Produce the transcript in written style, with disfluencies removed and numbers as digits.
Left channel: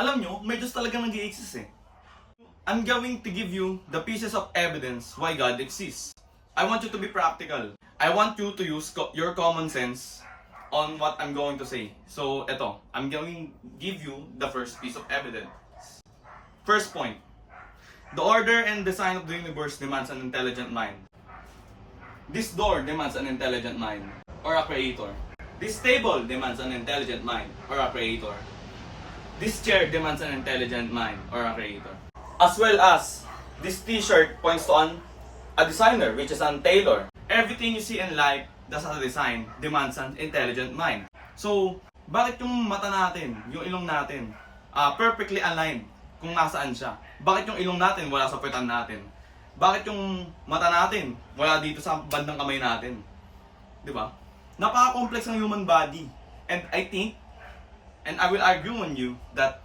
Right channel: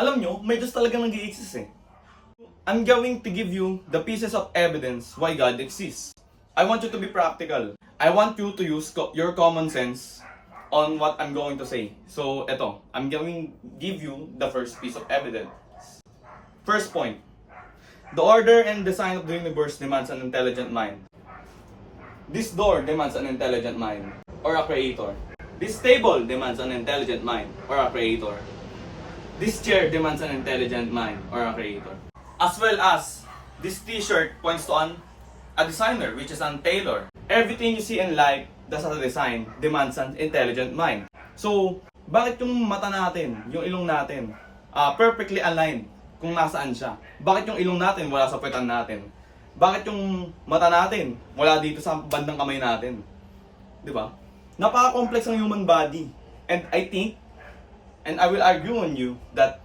Alam nyo, may Diyos talaga nag-i-exist eh. I'm going to give you the pieces of evidence why God exists. I want you to be practical. I want you to use your common sense on what I'm going to say. So, eto, I'm going to give you the first piece of evidence. First point. The order and design of the universe demands an intelligent mind. This door demands an intelligent mind, or a creator. This table demands an intelligent mind, or a creator. This chair demands an intelligent mind, or a creator. As well as, this t-shirt points to a designer, which is an tailor. Everything you see in life that's a design demands an intelligent mind. So, bakit yung mata natin, yung ilong natin, perfectly aligned kung nasaan siya? Bakit yung ilong natin wala sa puwetan natin? Bakit yung mata natin wala dito sa bandang kamay natin? Di ba? Napaka-complex ang human body. And I think, and I will argue on you that